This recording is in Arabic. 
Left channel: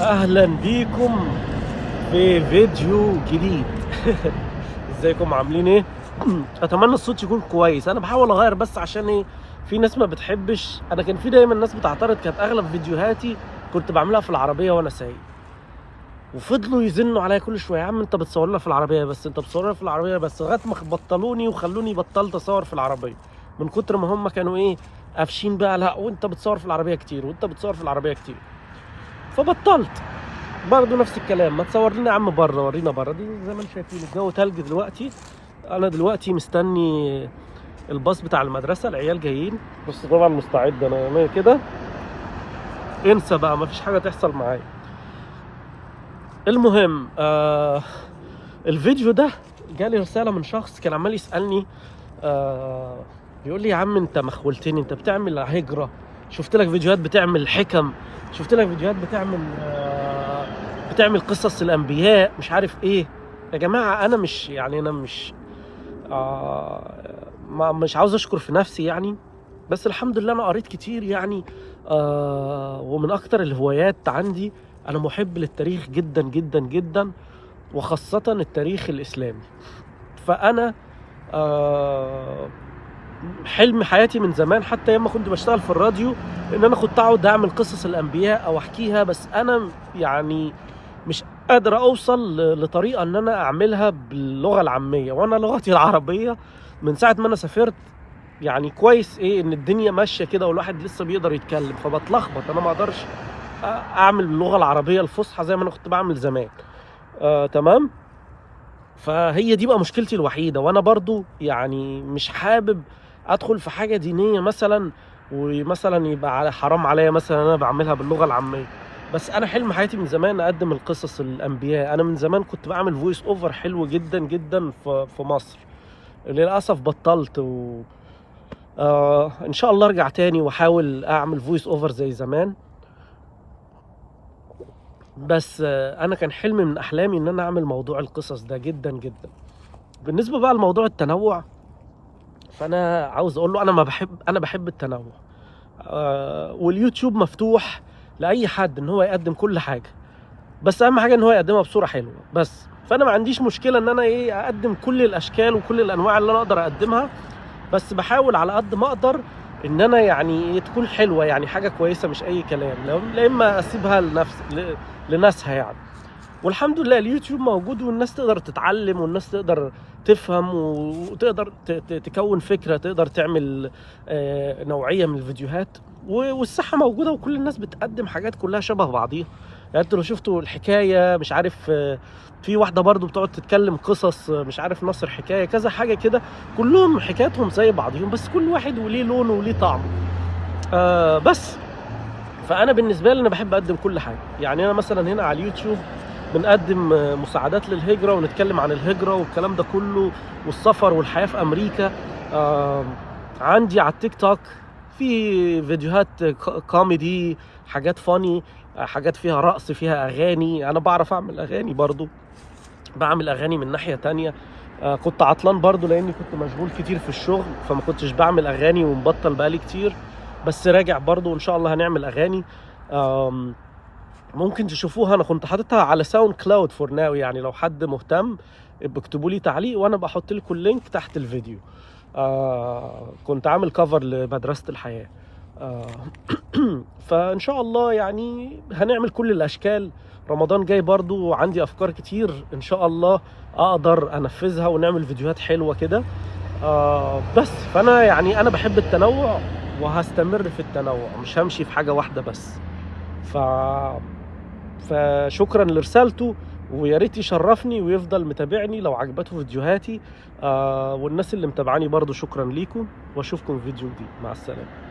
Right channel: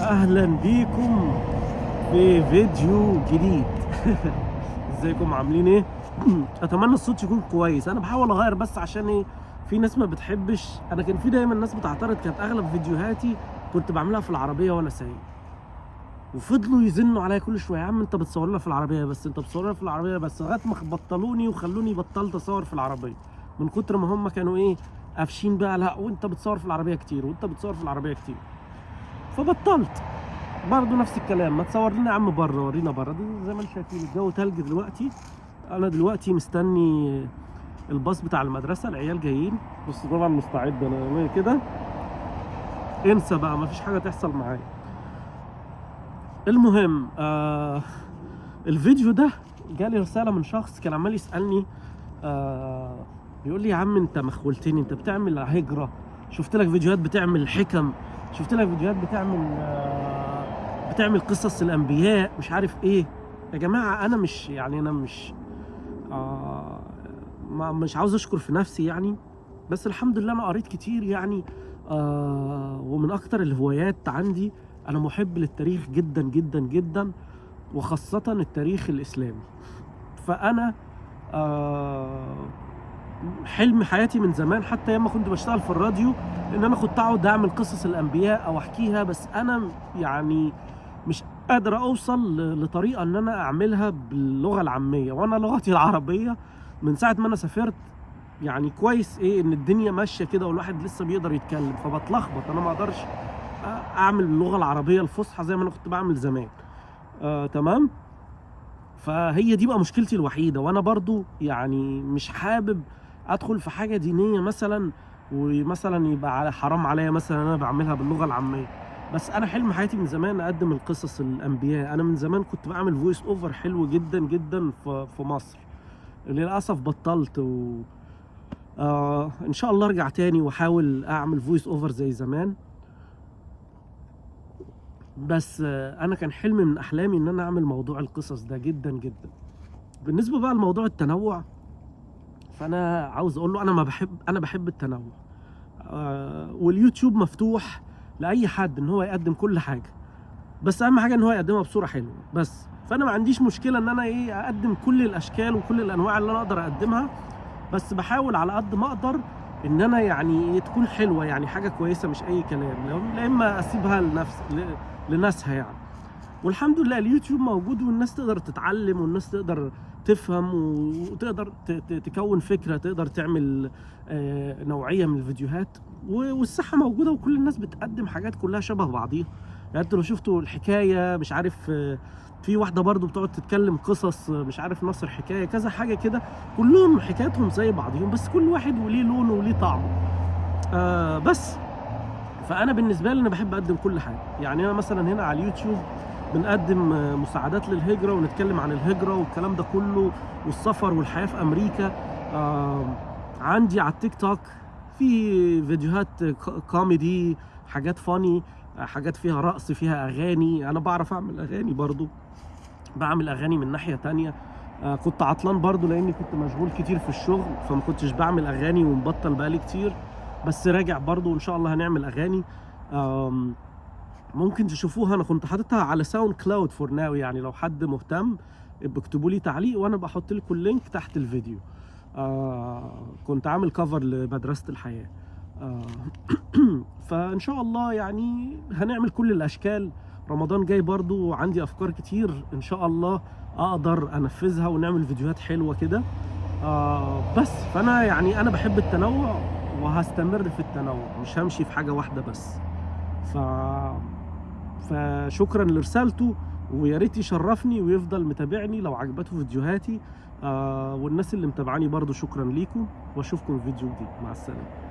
اهلا بيكم في فيديو جديد. ازيكم عاملين ايه؟ اتمنى الصوت يكون كويس. انا بحاول اغير بس عشان ايه، في ناس ما بتحبش. انا كان في دايما ناس بتعترض، كانت اغلب فيديوهاتي كنت بعملها في العربيه وانا سايق، وفضلوا يزنوا عليا كل شويه: يا عم انت بتصور لنا في العربيه بس، انت بتصور لنا في العربيه بس، لغايه ما بطلوني وخلوني بطلت اصور في العربيه من كتر ما هم كانوا ايه، قافشين بقى: لا وانت بتصور في العربيه كتير، وانت بتصور في العربيه كتير. فبطلت برضه نفس الكلام: ما تصور لنا يا عم بره، ورينا بره. دي زي ما انتم شايفين الجو تلج دلوقتي. انا دلوقتي مستني الباص بتاع المدرسه، العيال جايين. بس طبعا مستعد انا كده، انسى بقى، ما فيش حاجه تحصل معايا. المهم الفيديو ده جالي رساله من شخص كان عمال يسالني، بيقول لي: يا عم انت مخولتني، انت بتعمل هجره، شفت لك فيديوهات بتعمل حكم، شفت لك فيديوهات بتعمل قصص الانبياء، مش عارف ايه. يا جماعه انا مش يعني انا مش مش عاوز اشكر في نفسي يعني، بس الحمد لله انا قريت كتير يعني. ومن اكتر الهوايات عندي، انا محب للتاريخ جدا جدا جدا، وخاصه التاريخ الاسلامي. فانا حلم حياتي من زمان، حتى ياما كنت بشتغل في الراديو، ان انا كنت اقعد اعمل قصص الانبياء او احكيها، بس انا يعني مش قادر اوصل لطريقه ان انا اعملها باللغه العاميه، وانا لغتي العربيه من ساعه ما انا سافرت يعني كويس ايه ان الدنيا ماشيه كده والواحد لسه بيقدر يتكلم، فبتلخبط. انا ما اقدرش اعمل باللغه العربيه الفصحى زي ما انا كنت بعمل زمان. تمام. فهي دي بقى مشكلتي الوحيده، وانا برضو يعني مش حابب ادخل في حاجه دينيه مثلا، ومثلا يبقى على حرام عليا مثلا انا بعملها باللغه العاميه. بس انا حلم حياتي من زمان اقدم القصص الانبياء. انا من زمان كنت بعمل فويس اوفر حلو جدا جدا في مصر. للاسف بطلت ان شاء الله ارجع تاني واحاول اعمل فويس اوفر زي زمان. بس انا كان حلم من احلامي ان انا اعمل موضوع القصص ده جدا جدا. بالنسبه بقى لموضوع التنوع، فانا عاوز اقول له انا بحب التنوع. واليوتيوب مفتوح لاي حد ان هو يقدم كل حاجه، بس اهم حاجه ان هو يقدمها بصوره حلوه بس. فانا ما عنديش مشكله ان انا ايه اقدم كل الاشكال وكل الانواع اللي انا اقدر اقدمها، بس بحاول على قد ما اقدر ان انا يعني تكون حلوه، يعني حاجه كويسه مش اي كلام، لا اما اسيبها لناسها يعني. والحمد لله اليوتيوب موجود، والناس تقدر تتعلم، والناس تقدر تفهم، وتقدر تكون فكرة، تقدر تعمل نوعية من الفيديوهات. والصحة موجودة، وكل الناس بتقدم حاجات كلها شبه بعضيها. يعني انتوا لو شفتوا الحكاية مش عارف، في واحدة برضو بتقعد تتكلم قصص، مش عارف نصر حكاية كذا حاجة كده، كلهم حكاياتهم زي بعضهم، بس كل واحد وليه لونه وليه طعمه. بس فانا بالنسبه لي انا بحب اقدم كل حاجه. يعني انا مثلا هنا على اليوتيوب بنقدم مساعدات للهجره، ونتكلم عن الهجره والكلام ده كله، والسفر والحياه في امريكا. عندي على التيك توك في فيديوهات كوميدي، حاجات فاني، حاجات فيها رقص، فيها اغاني. انا بعرف اعمل اغاني برضو، بعمل اغاني من ناحيه تانية. كنت عطلان برضو لاني كنت مشغول كتير في الشغل، فما كنتش بعمل اغاني ومبطل بقالي كتير، بس راجع برضو وان شاء الله هنعمل اغاني. ممكن تشوفوها، انا كنت حاططها على ساوند كلاود فور ناو، يعني لو حد مهتم اكتبوا لي تعليق وانا بحط لكم اللينك تحت الفيديو. كنت عامل كفر لمدرسة الحياة. آه فان شاء الله يعني هنعمل كل الاشكال. رمضان جاي برضو وعندي افكار كتير ان شاء الله اقدر انفذها، ونعمل فيديوهات حلوة كده. بس فانا يعني انا بحب التنوع، وهستمر في التنوع، مش همشي في حاجة واحدة بس. ف فشكرا لرسالته، ويا ريت يشرفني ويفضل متابعني لو عجبته فيديوهاتي. والناس اللي متابعاني برضو شكرا ليكم، واشوفكم في فيديو جديد. مع السلامة.